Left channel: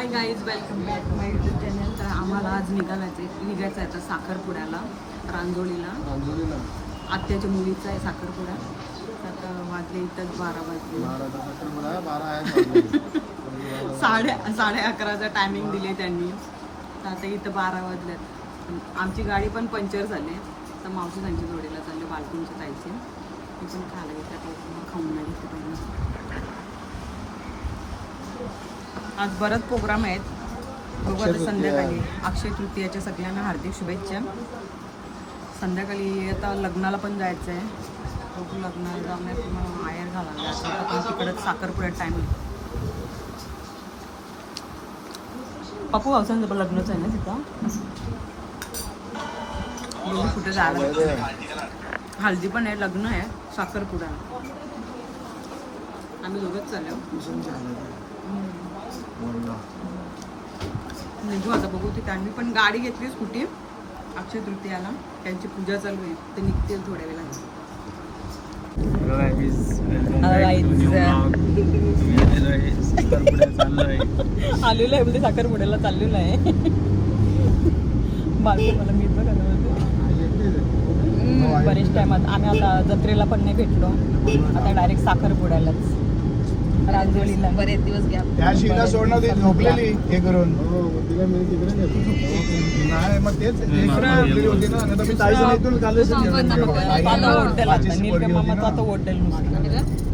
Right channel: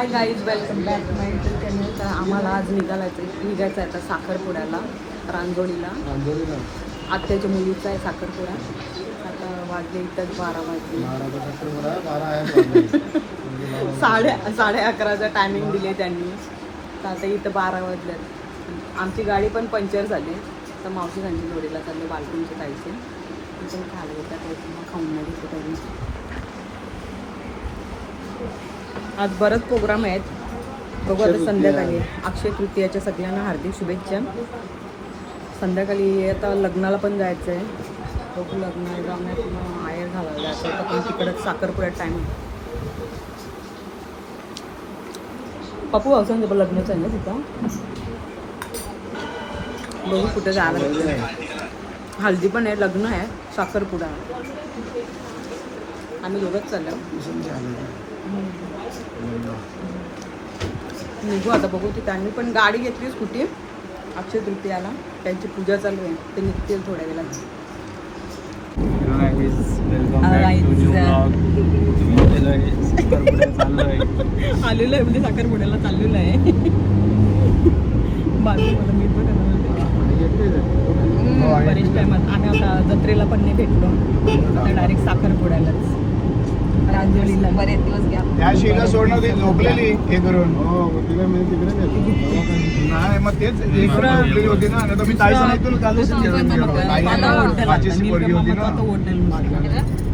High guys, welcome back to my YouTube channel. तर आम्हाला आज निघायचं आहे तर साखरपुड्याला रांजोळीला. आत्याच्या मुलीचा आहे साखरपुडा. आता वाजले इथंच 12 वाजले. 11:30 टायमिंग दिले त्यांनी. तर आता इथं 12 वाजल्यात. आमची गाडी पण पंक्चर झाली. तर मावशी त्यांची जोडीला चालले बालकुंच्या ताईचे. ती पण खायला घेतात, मग खाऊन नाही घेतले पाहिजे. आज बरंच प्रोग्राम आहेत, बघू आता संध्याकाळी. अक्षय तृतीयाच्या सगळ्यांना हार्दिक शुभेच्छा. संध्याकाळी आता लग्नाला पण जायचं आहे. बघू लग्नाला जाऊन किंवा आयर घालायला जायचं होतं, पण तिकडंच साखरपुड्यात टाईम आहे. पप्पू भाऊसांचं लग्नच आहे ना तिथं. बघू कुठे जायला भेटते. हल्दी पण आहे, लग्न आहे, साखरपुडा. आम्ही दोघंच चाललो. निघू आता, बघू तिथे. आम्ही पण गाडी घेतली स्कूटी अक्षय तृतीयाला. त्यांची पूजा चालू आहे, ते निघतील थोड्या वेळात. आलेलो आहे म्हणजे साखरपुड्याला चाललेलो आहे. मला मी पण बरेच टायमात आम्ही आता जत्रेला पण नाही भेटलो. आता डायरेक्ट साखरपुड्यालाच रांजोळीला बरेच दिवस घ्या. त्या शिला सोडणं होती झोपलेली हे करून. मग तेच होती ना. आता मी ताई सांगितलं कालच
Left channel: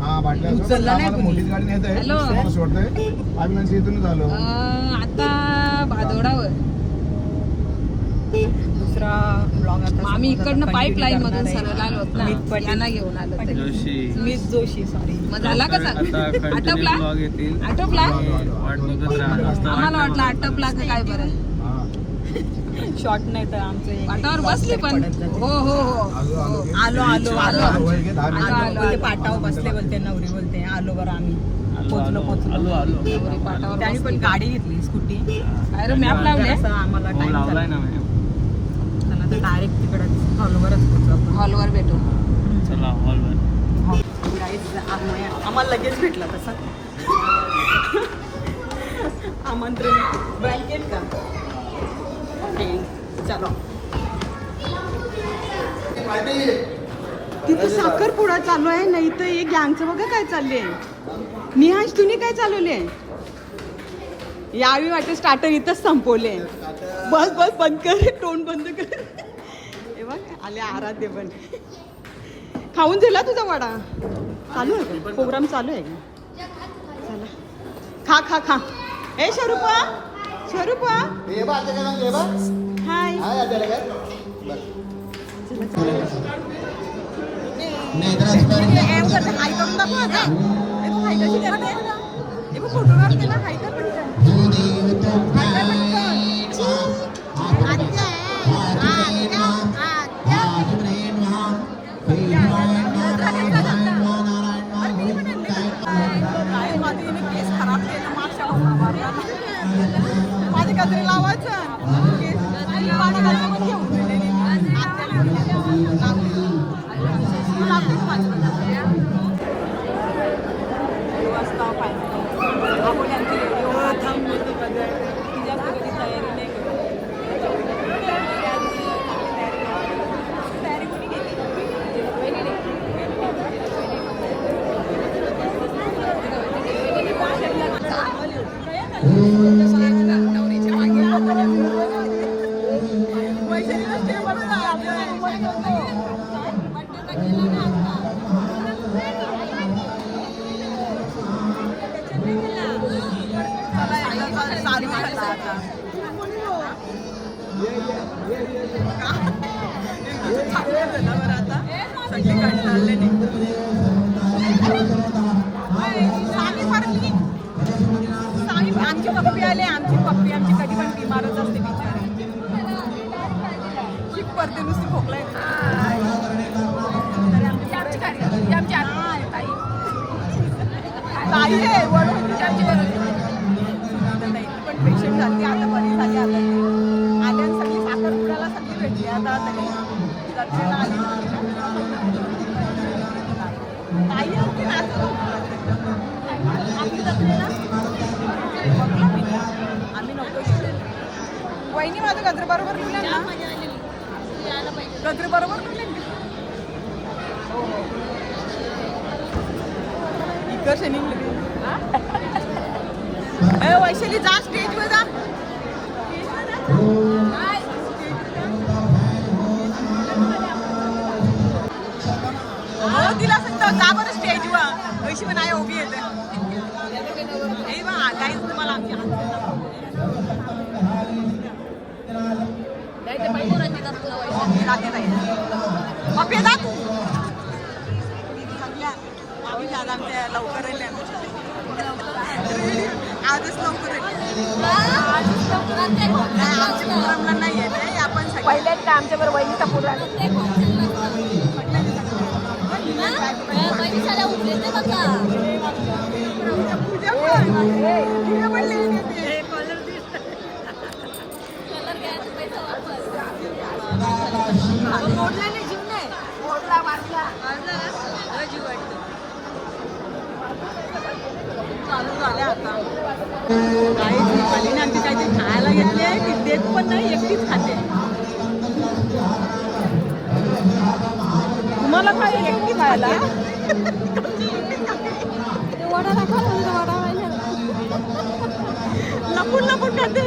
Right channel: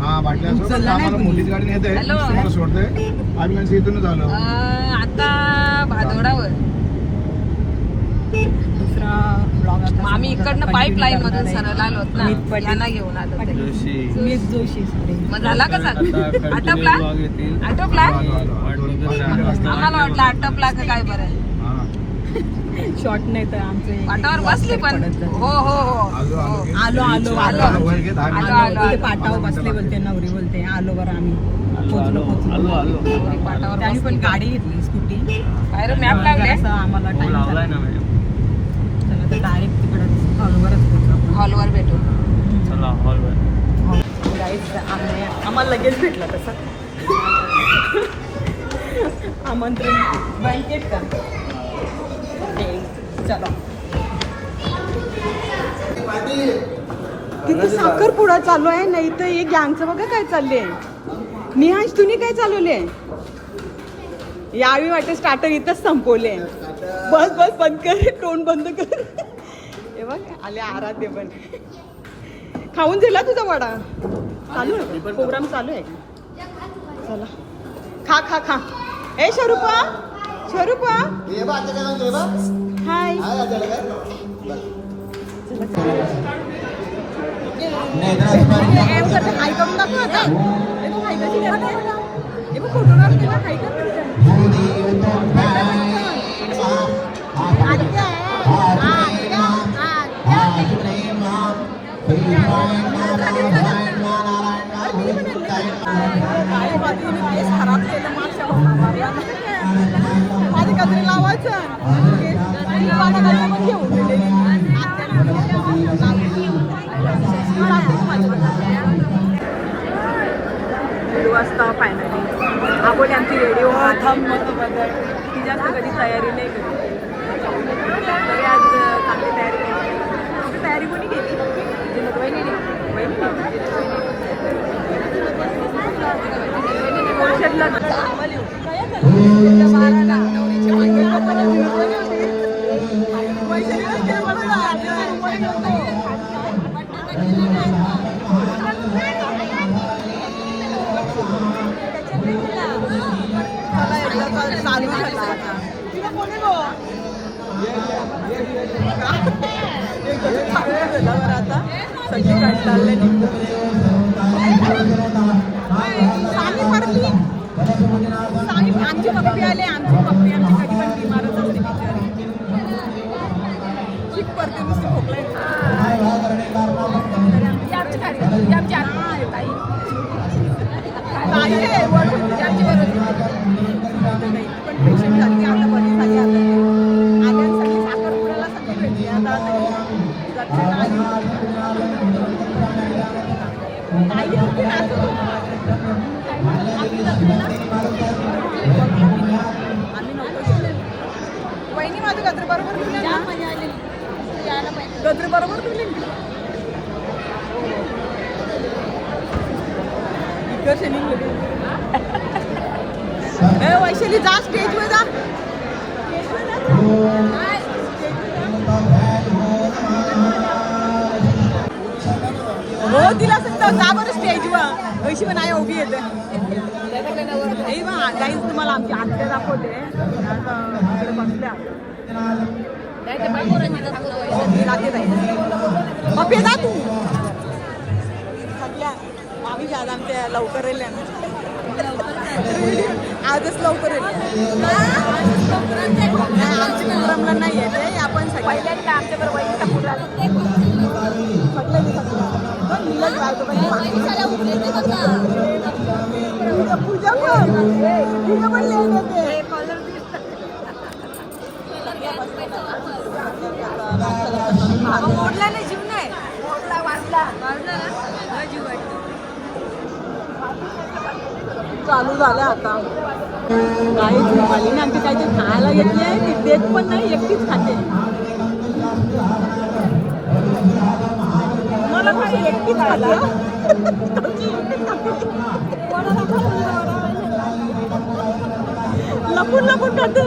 हा वाटलं मुलीच गाडी येत आहे, सोडतोय. आम्ही म्हणजे इथूनच आलो आता भादोडावर. दुसरा ब्लॉग आता आम्ही इकडनं पाईपलाईन मधून सरळ आलो ना, यांना घेऊन आलो. जोशी मग झाला का आटपला? आटपला? आम्हाला वाटलं आटपला का काय बरं. शॉर्ट नाही तर आमचे पाटावर बसले पण. हो हो हो आलो आलो आलो आलो. ते पाटावर बसले बोलते, नवरी बोलते आलो बरं. आम्ही पोचलो. त्याने पण गाडी घेतली स्कूटी. काय रे मॅप लागले असं आम्हाला टाइम झाला. चला तर डायरेक्ट तिकडं हॉलवरच पोचू आपण. हॉलवर भेटू. चला हॉलवर. आम्हाला लगेच भेटला तसं आमंत्रण. बँकेट का? चलो. तिथे साखरपुडा चालू आहे, नाही तर हे गँगचं बघा काय चाललंय. निहाश तुम्ही काय चालवले? यावेळी वाटतं स्टार्टर इथंच संपवले. बस बस बंद कर, तोंड बंद कर. हे बघ आले आराध्य पण. खाऊन झाला तुझा वडा? चालू आहे प्रोग्राम, चालू आहे का? चला खा खा खा. ए शरूपा, शरूपा हाय. हाय करून दाखव आता. देखो हाय कशी करते. देखो फोटो काढते ना, हाय कर केस खराब केलं मागच्या मारला ना. माझी गजरी लावायचं पण घेऊन वाजता फायनली आपण आमची रेडिओ ती जास्त कधी तयारी नाही करत. आज चांगली तयारी केली. तयारी कोणी केली? चालू झाला आता. चालू झाला बरं. आता सगळी कंटाळले निघतो. सामी पडती. सामी आमची पप्पी आले. आमची पप्पी आमची कधी मारत असते. ठीक पडते नुसती खोकलायची. आमची गाडी आमची ताई आमची पण झाली आता बरी झाली. आता सगळी साखरपुड्याला सगळी भेटली. आता आम्ही नव्हतो गेलेलो. वहिनी माझं गजर बरोबर लिहिलं ना, गजर बरोबर लिहिलं इतर शनी वैशाली जा स्टेजवर जा. हो तिला सांगतो का बरं स्टेजवर वैशी पण आहे उभी येते. हे बा काहीच तुम्हाला आमची आत्या दाखवते. राहते नाही पप्पे जा तू सगळ्या आम्ही आज आमच्या लवकर येईल आजच लवकर येईल. नाही आमच्या प्रोग्रामला नाही आहे ते आपण सगळे पूजा पण पूजा पण लेट येते कॉलर चालू झालं आता. काही झोपालीने आमची काहीतरी खायला घेतले ती देत पण नाही, एकटीच खाते. तुम्हाला काही एकटीच खाते लपून लपून खाते.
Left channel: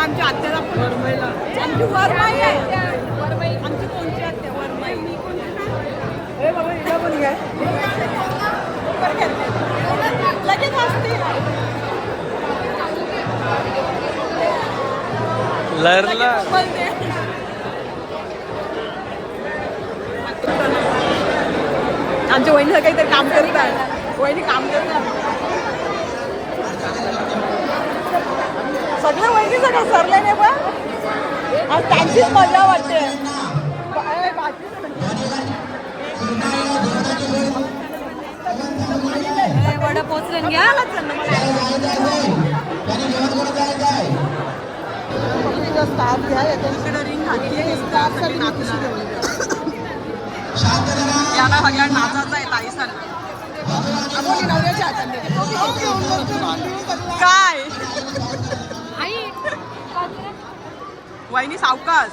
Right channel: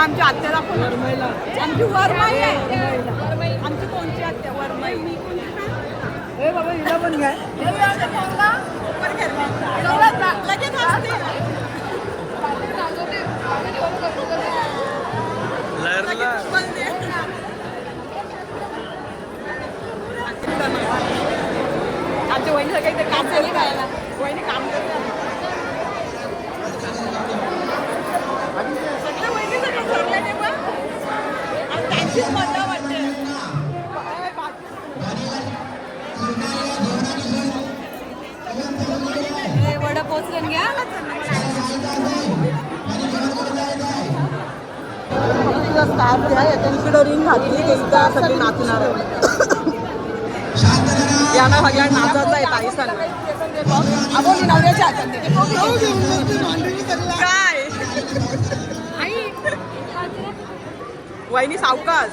आमची आत्या आमची वरमाई आहे. आमची कोणची आत्या वरमाई हे बघा हिला पण घ्या लगेच असते. लरला आमच्या वहिनीला काहीतरी काम तरी काय वहिनी काम करत नाही. सगळे वहिनीचं का सरले नाही पण त्यांचीच मजा वाटते. वडा पोचलं घ्या. इकडं रिंग घातली एकदा सगळे नाचणार आहे. यांना सगळ्या नाचायचं आहे ताईसांना. आपण नवऱ्याच्या हातात काय वहिनी सावकाश.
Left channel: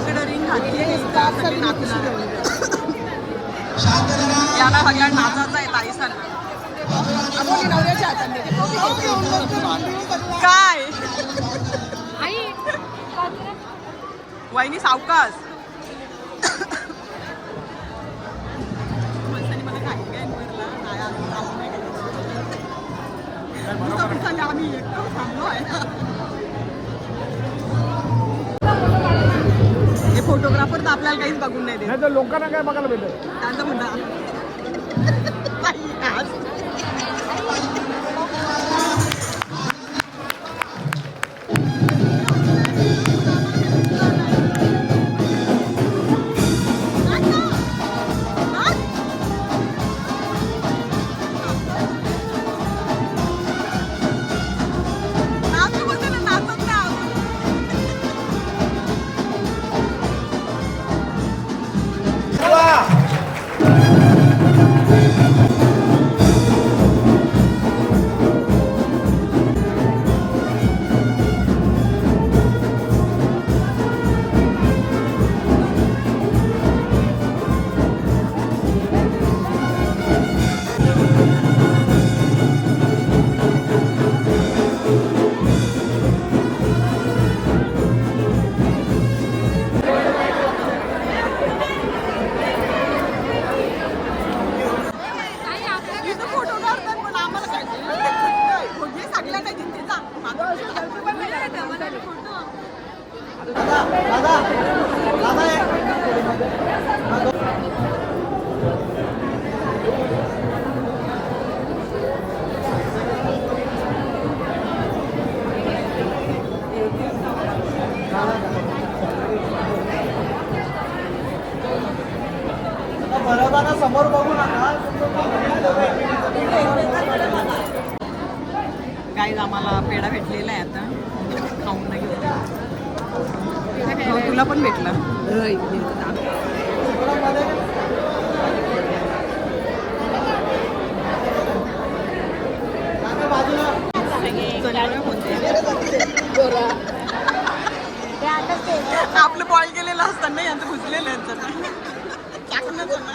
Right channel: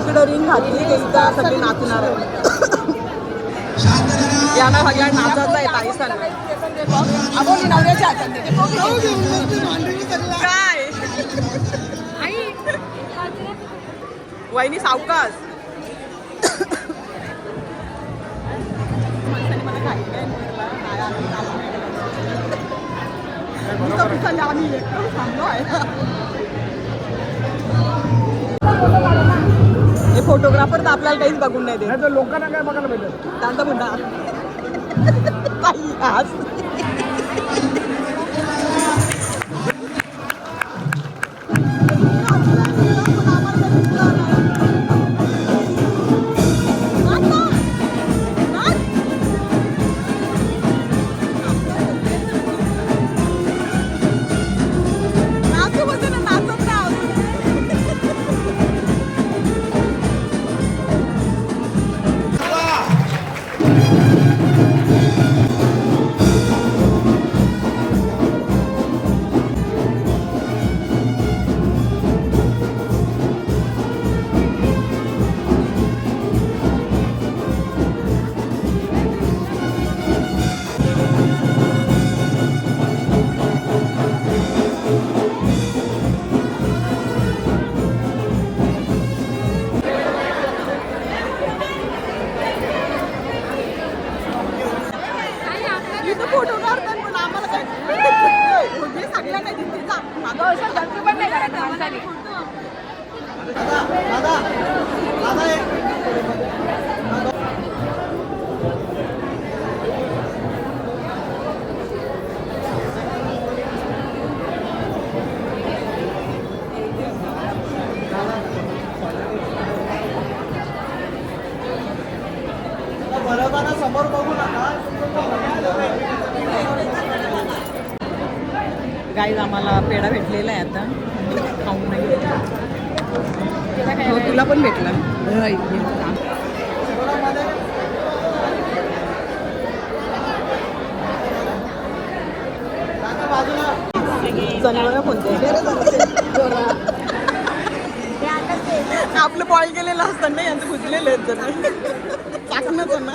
इकडं रिंग घातली एकदा सगळे नाचणार आहे. यांना सगळ्या नाचायचं आहे ताईसांना. आपण नवऱ्याच्या हातात काय वहिनी सावकाश. माणसाने मला काही काय बोलला नाही आम्ही एकटं थांबलो आहे. हे फोटोग्राफर तर आपल्याला काहीच बघून नाही देत. लोकांना काय बघायला भेटत त्यांचं म्हणणं समोर बघू नका. गाईज आम्हाला पेढा भेटलेला आहे आता खाऊन नाही हो, तुला पण भेटला. जनावर कोणते आपलं बॉईल केलेलं असतं ना, यांचं भुजलेलं आहेत जण टाकणं त्यांना.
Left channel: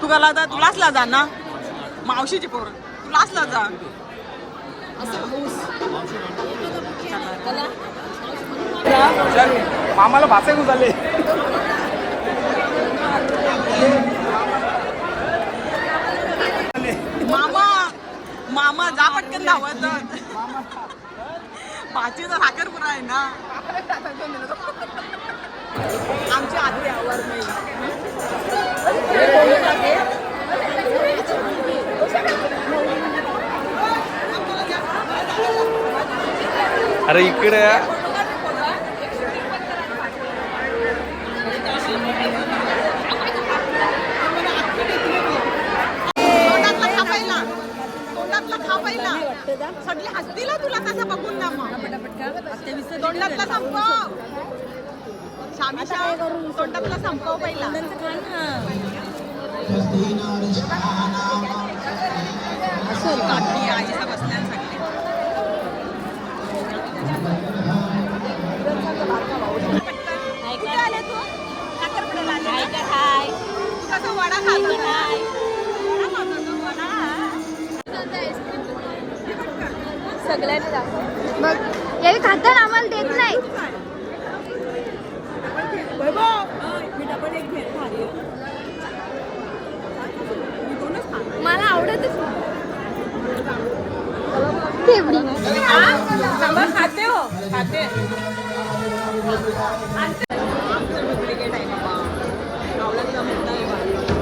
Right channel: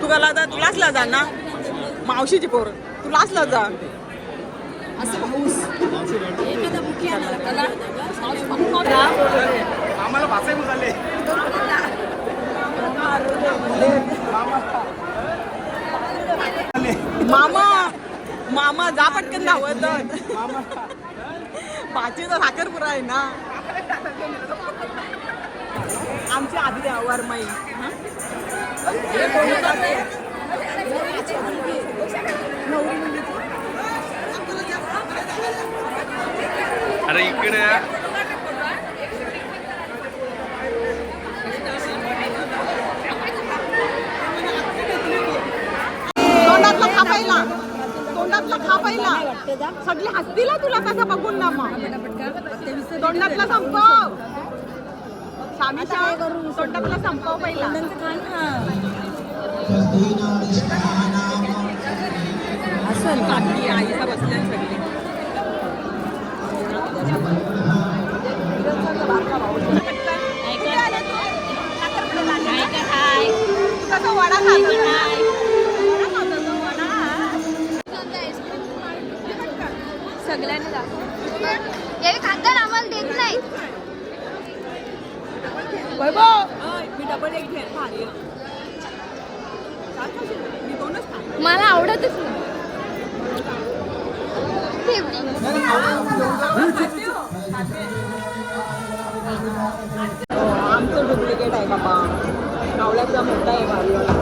तू का लादा, तू लाचला जा ना मावशीची पोर, तू लाचला जा. मामाला भाषे झाले. मामा मामा जा पटकन धावत. भाचीचा साखरपुरा आहे ना आमच्या आधी वरमाई. अरे इकडे तोंडातला खा पहिला, तोंडातला खा पहिला. सगळी हसतील हा तुला तसं बघून ना. मग तोंडातला संपव शामिशा, तोंडातला संपव पहिला. बाकी आईचा बसल्यान सगळे. कुठे आले तू? साखरपुड्याला आले ना? तू कसं वडा खात होता ना? वडा खात होता, वडा. हे बघ का? सगळ्यांनी दाखव. हे खाताना आम्हाला देत नाही. मी डबल एक घेत भारी. मी दोनच खा. मला आवडतच नाही. तेवढी खाते हो, खाते. आमचं डुप्लिकेट आहे बाबा. गावल्याचा मोठा आहे भारीवाला.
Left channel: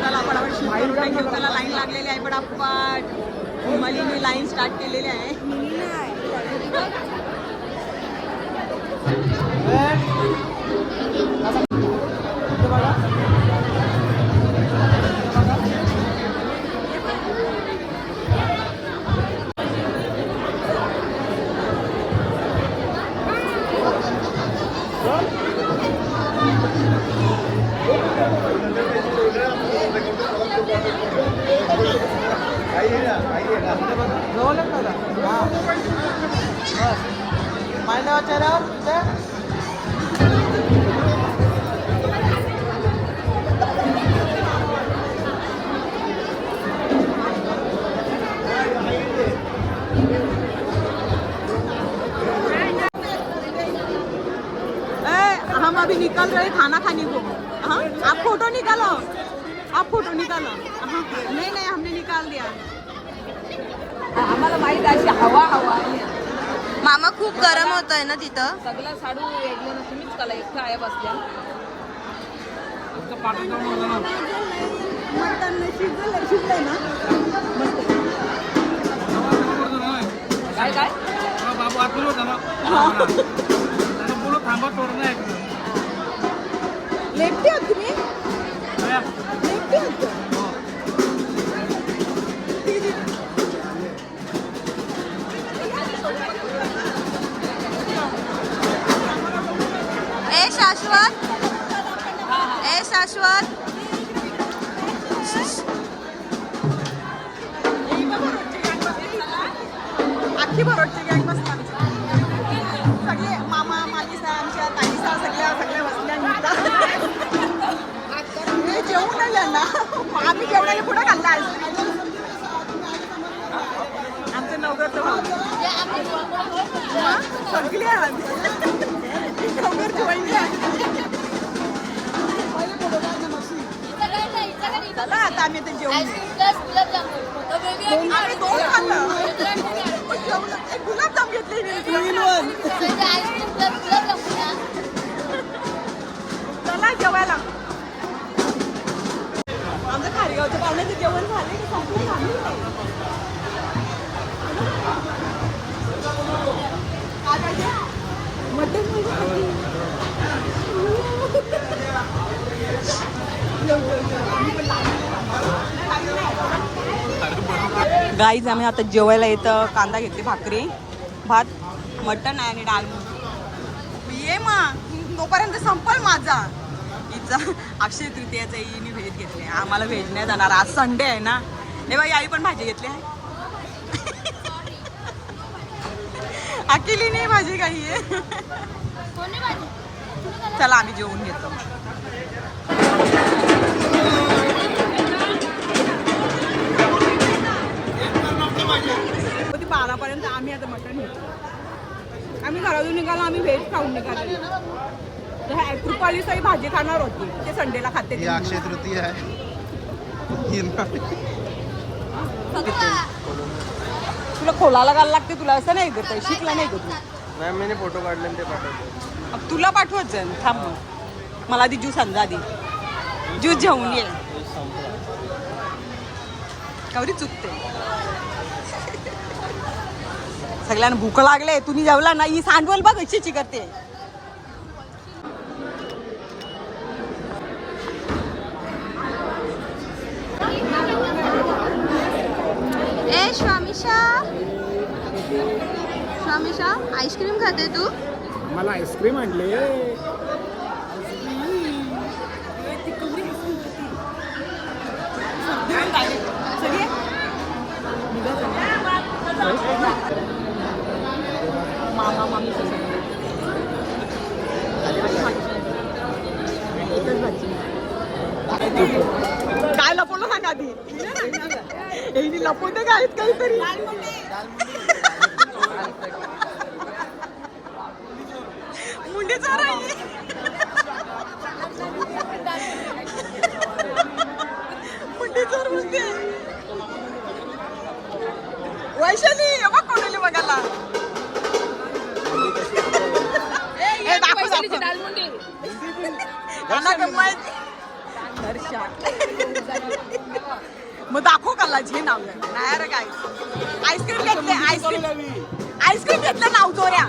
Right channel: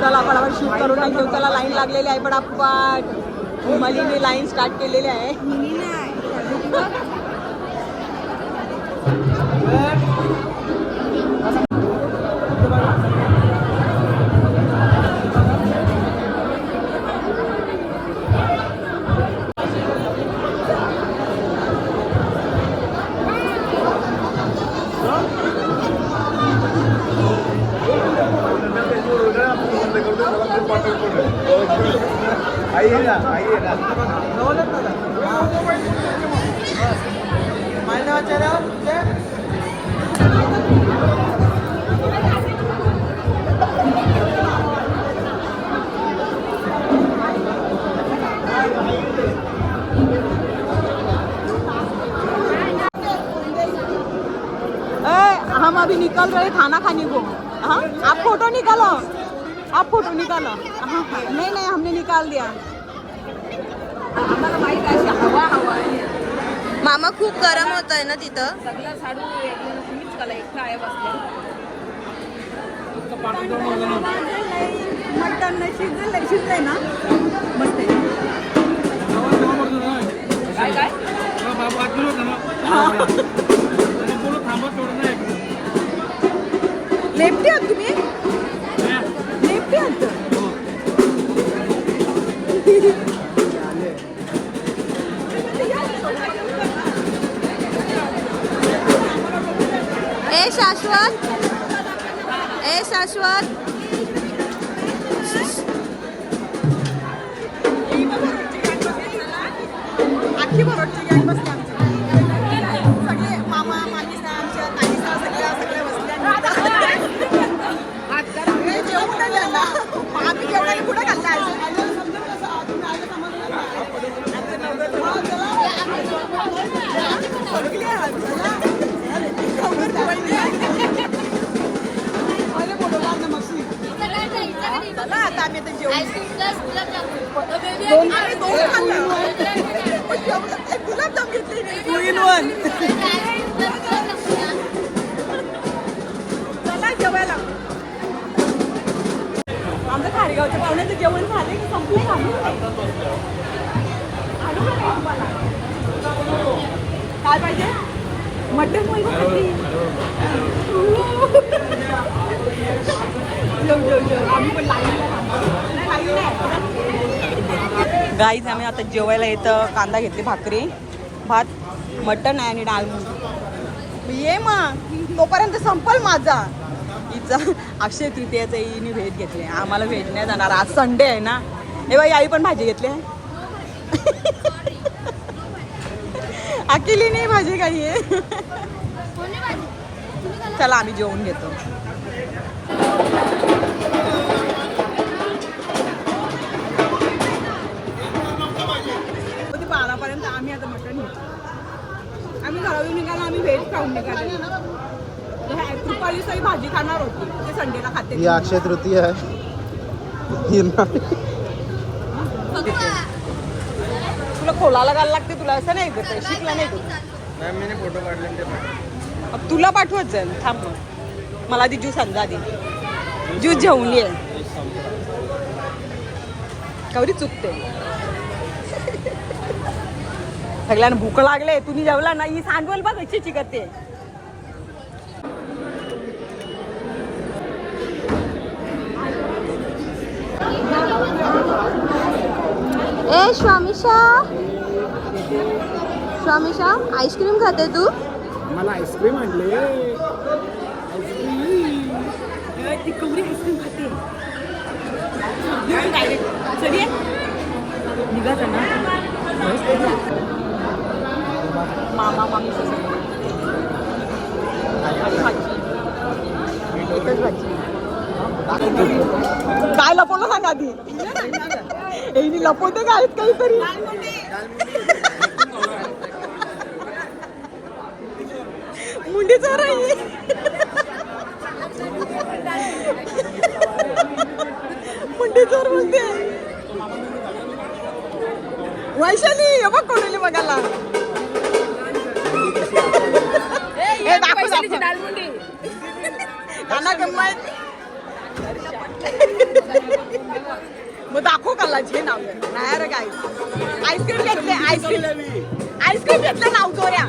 चला फटाफट शूट करून नाही घेऊ. चला लाईन लागलेली आहे पटापट. मलीने लाईन स्टार्ट केलेली आहे. हम अभी निकल रहे खाना खाने को. हाँ आप फोटो निकालो, आप फोटो निकालो. हाँ नहीं नहीं हमने निकाल दिया. आम्हाला माहित अशी हवा हवा आहे. मामा खूप गरम होत आहे ना तिथं. सगळे साडू तुम्हीच कला एकटा आहे बसले. मटण शिजलंय ना. काय काय बाबा आतून होता ना थांबत थोडं नाही. लेफ्टी आहात तुम्ही? लेफ्टी आहात. ए शाश्वत, ए शाश्वत. अख्खी बरोबर बसले आमचे सगळे मामा मामी आमच्या ताई सगळे बसले. जेवण नाही झाला. आम्ही जेवणाला कुठं खाल्ला. चला आता आम्ही ते जेवण दोन खाल्लं. गुलाबजाम घेतले काय पाहिजे मटन गाईज आम्ही आता जेवायला येतं कांदा घेतली भाकरी भात मटन आहे आणि डाळ मग ये मग तोपर्यंत संपल माझा हिचा अक्षय तृतीयाचा हिने व्हेज घेतले आम्हाला व्हेज नाही जाणार आज संडे आहे ना हे बाई आई पण भाजी घेतली आहे अकेलीने भाजी काही आहे चला आम्ही जेवून घेतो कधी 12 पर्यंत आम्ही आता मटण घेतो आम्ही घरातून निघालो आम्ही व्हेज खाऊन निघालेलो कृपालीची भाजी खाणार होती ते संडेला खाते ही अक्षय तृतीय आहे तुला खोलाला घालायला लागते तुला असं नाही करत शिकला नाही करत मी फोटो काढले तुला पाठवत जाईल थांब मला आधी ज्यूस आणजा आधी ज्यूस घेऊन ये कवरी चुकते सगळ्यांना भूक लागले तुम्ही जेवला ना ही सांडवल बघ इच्छेची करते ए स्वामिशा स्वामिशा आईस्क्रीम खाते तू मला आईस्क्रीम आणले मामा मामी एकच भाजी काय लपवलं सांग आधी लपवते काय काहीतरी मुंडी चोर आहे मुंडी चोर म्हणते वैशाली हे बघ कोणी बघायला हे दाखव दाखव गाणं गंमत मग दाखव काला जे नाव नाही रे काय आईस्क्रीम घेतले आईस्क्रीम घेतलं नाव चोऱ्या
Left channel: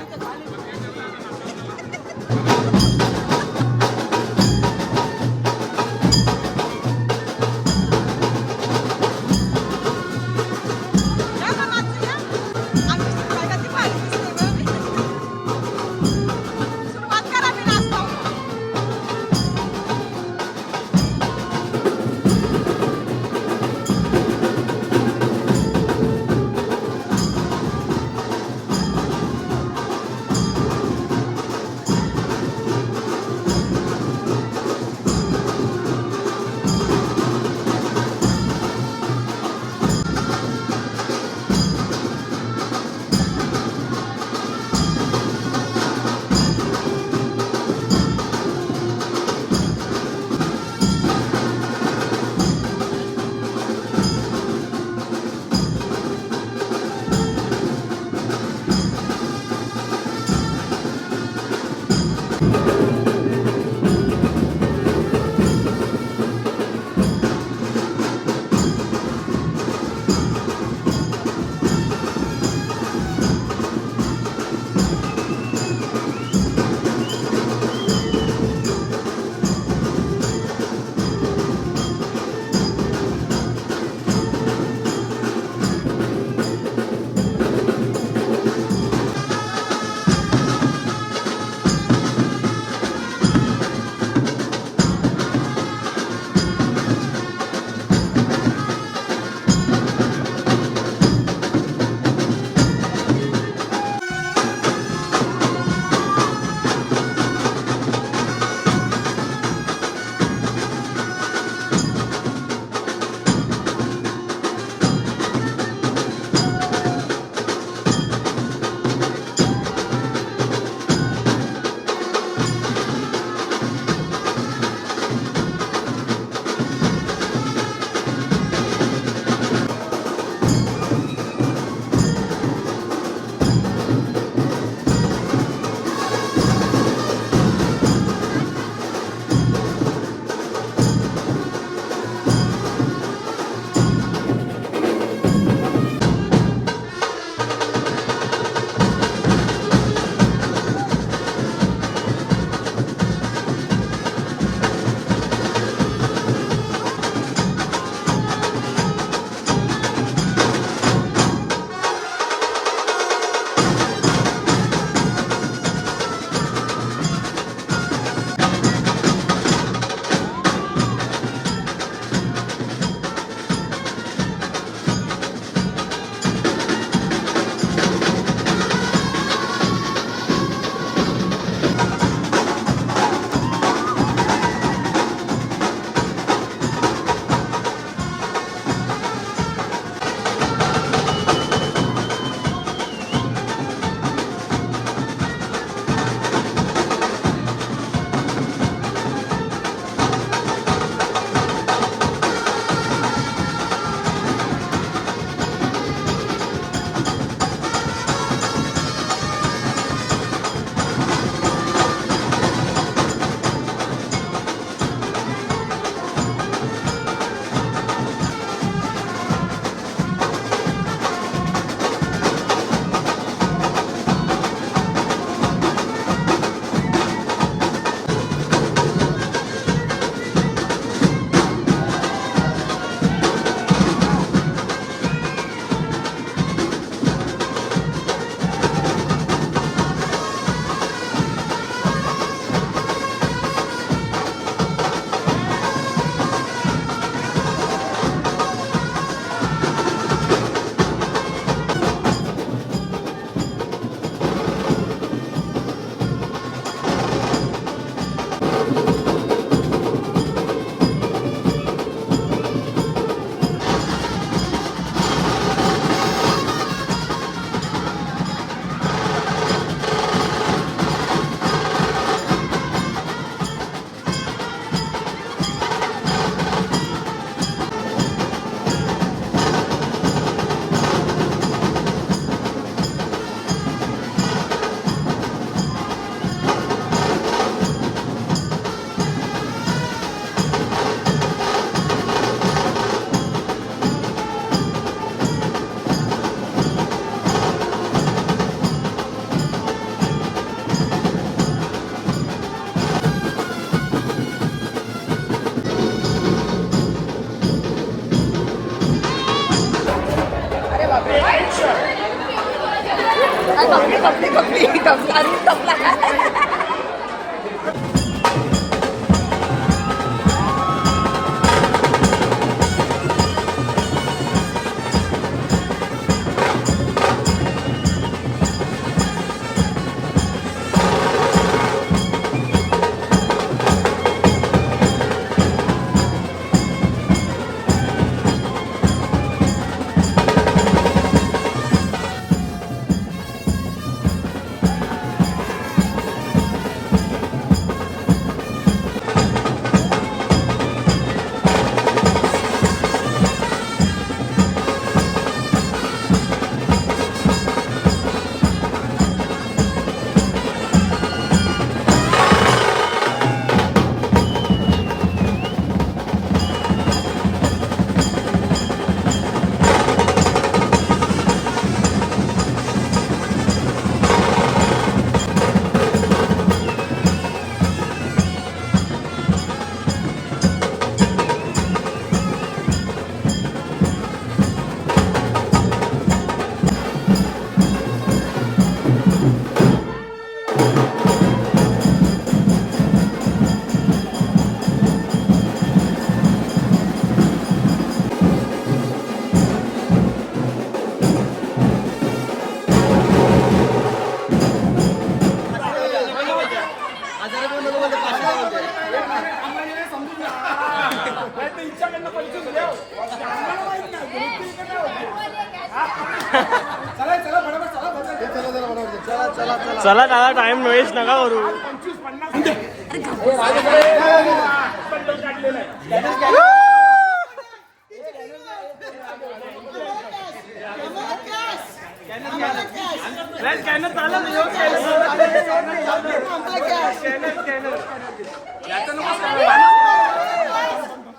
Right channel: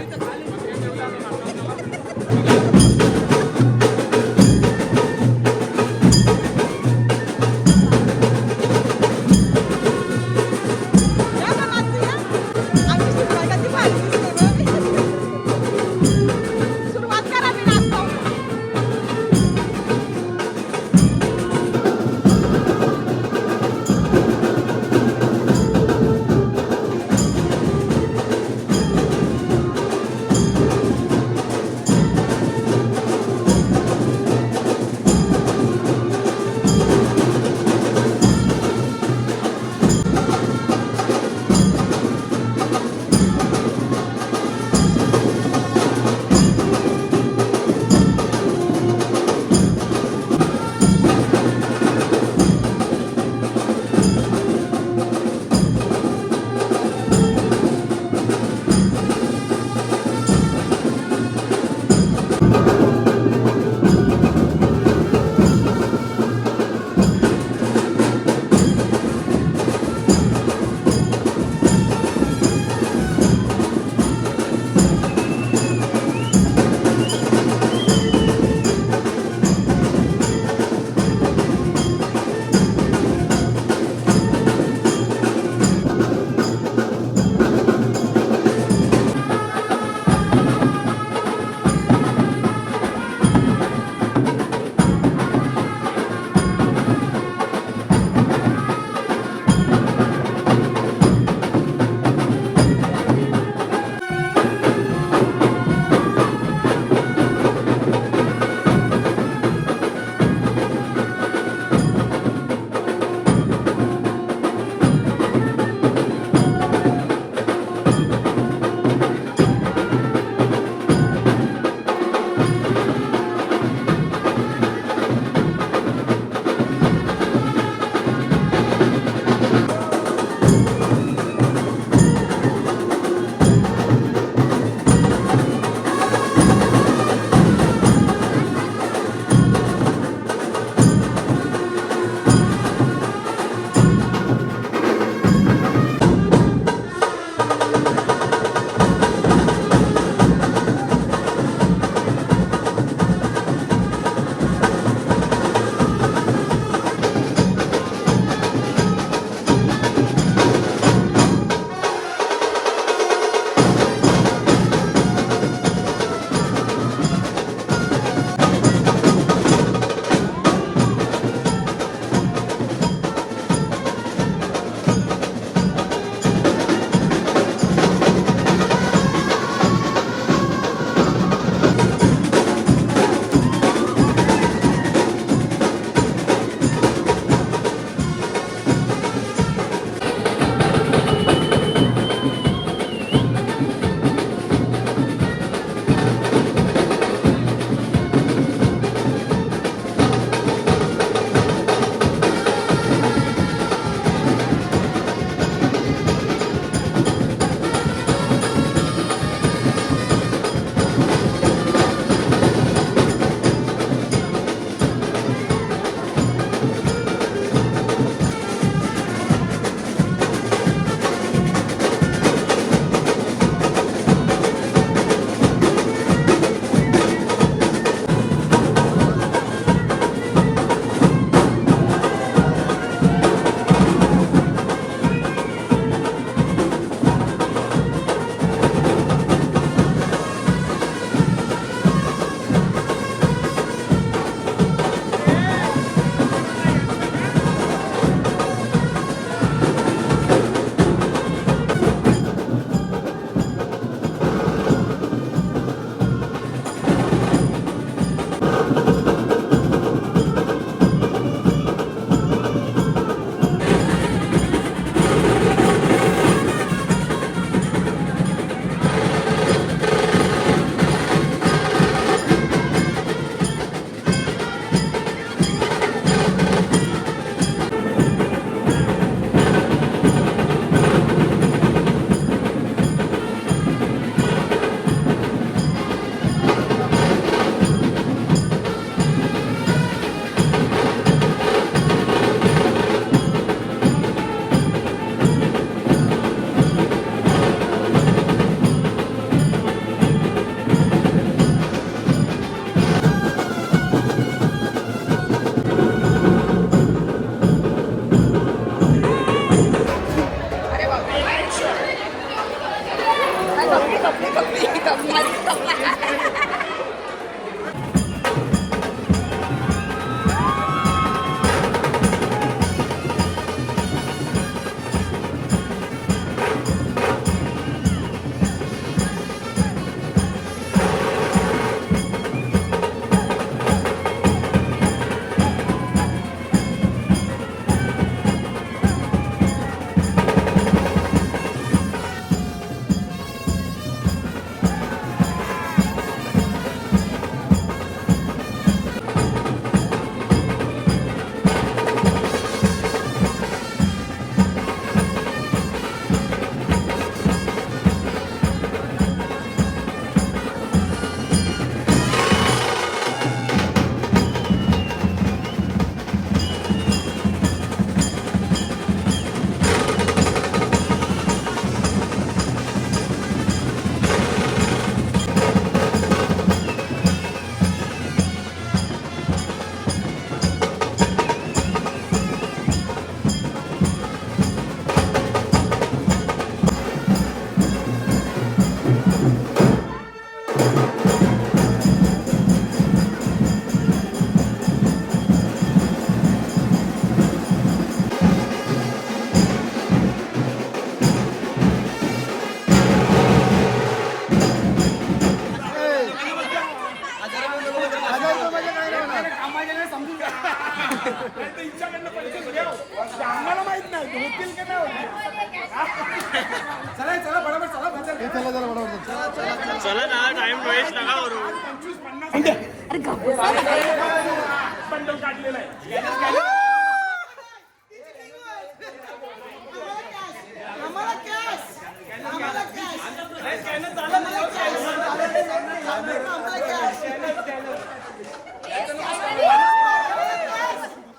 चला दादा टाइम वेस्ट नका करू.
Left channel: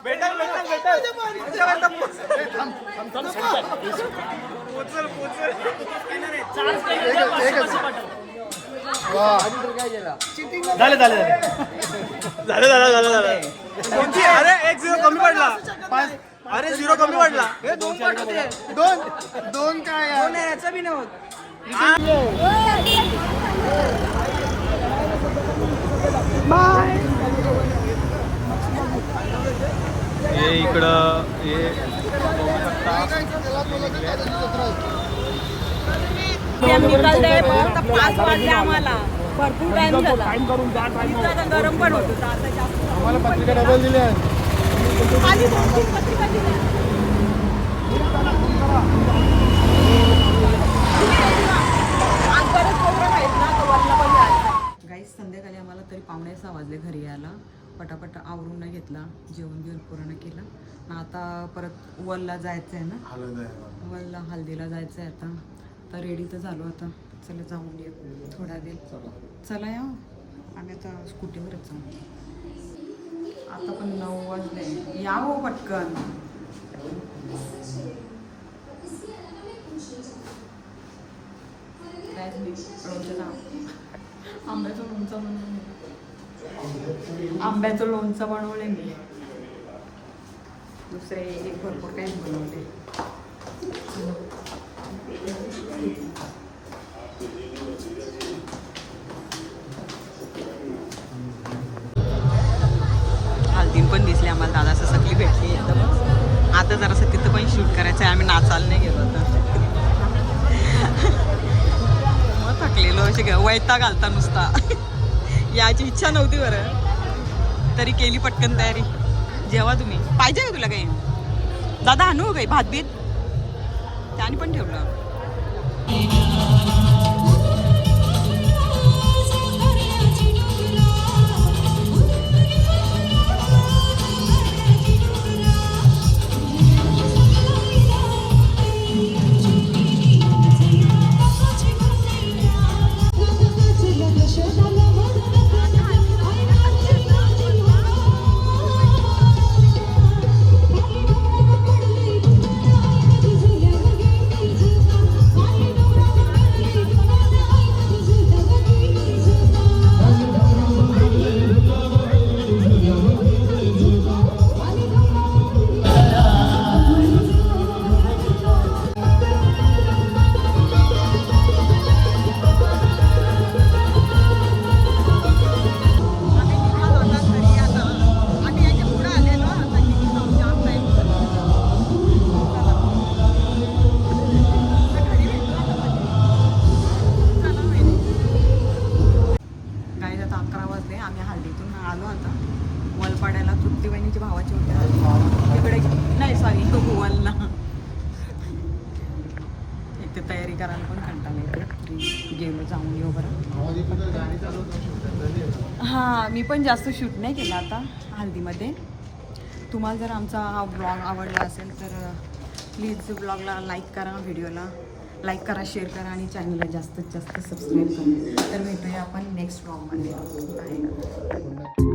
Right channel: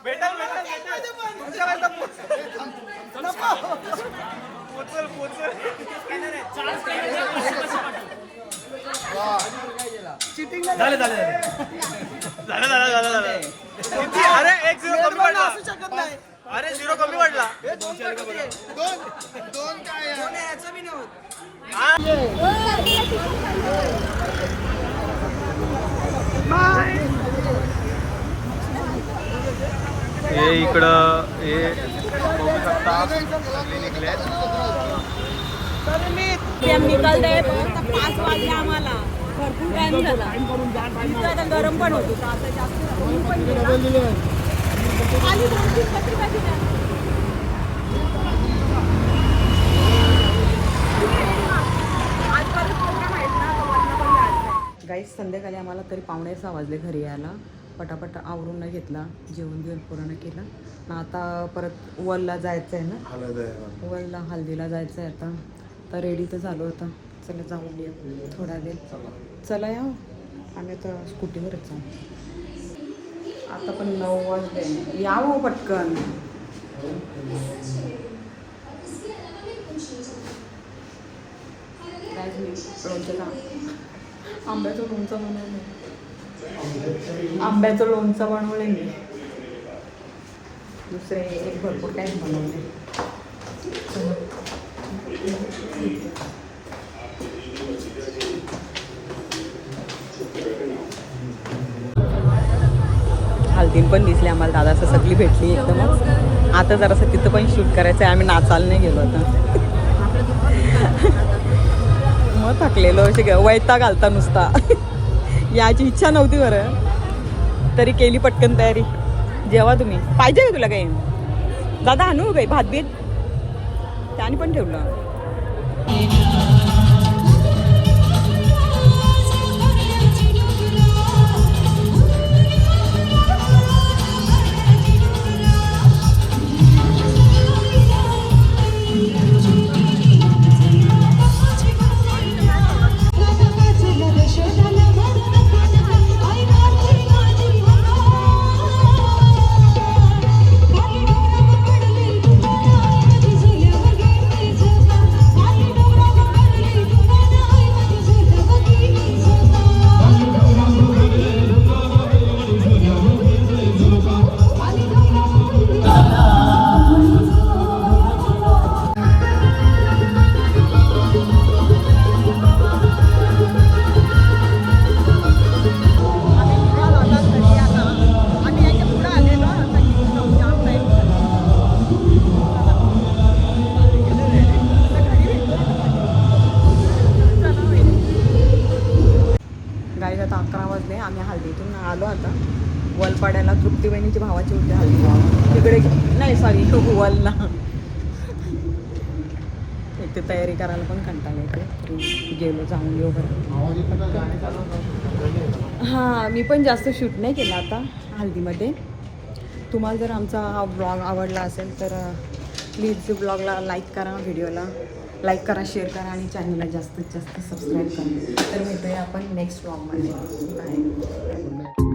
भेटल पोचल झालं किती. अरे 1-0 कमी पडला. अरे 0 कमी पडला. दोन काय बाय. हे इकडं हे बघू शकता. निकाल दे 5 वाजले आम्हाला. भरपूर टाइम झाला. इतकं गरम पण होत होतं. आता जास्त आम्हाला पत्रिका डबल दिले. खाली 2-3 पत्रिका दिल्या. गाईस संध्याकाळी आम्हाला तरी 5:45 वाजले घरी यायला. पटापट आवरून नाही घेतला, जेवण बिवण पूर्ण केलं ना. आता परत वलला जायचं आहे ना, वलला हल्दीला जायचं आहे आता. तर रेडी तर झालो होता. चला जाऊन या थोडा वेळ. चला या आम्ही आता स्कूटीवरच जाऊ. आता पण 9 वाजले. या हो पटकन. काहीच नाही. आंब्याचं लोणचं बनवलं. आंब्याचं लोणचं बनवले मी. दुसरे एक भरपूर काही बनवले. हल्दीन पण दिसले आम्हाला. दादा असं सगळी भेटली. आता जरासं तिथं पण शूट करायचं आहे. आम्ही नाचायला नाही गेलो आता. मग थकलेलो असे वैता घालता नुसता. याची इच्छा नव्हती बरं, तरी केली पटकन तयारी. जेव्हा तुम्ही पाहिजे का तुला काही दादा आणू काही भात बीत त्याने पण ठेवलं. वाजले. आम्ही हल्दीतून आलो आता. वलपाड्याला तृप्ती बहिणीची भावाची होते हल्दी. तिकडे नाही सॉरी वलला. एक ते तयारी करायला पण कंटाळा येते. तरी गेलो जाऊन येऊ बरं. हां मी पण जास्त शूट नाही केलं आता हल्दीमध्ये. तुम्हाला जर आमचा हा ब्लॉग आवडला असेल तर प्लीज ब्लॉगला लाईक करा, व्हिडिओला लाईक करा, शेअर करा आणि चॅनलला जास्तीत जास्त सबस्क्राईब करा. तर भेटूया आपण नेक्स्ट ब्लॉगमध्ये. बाय.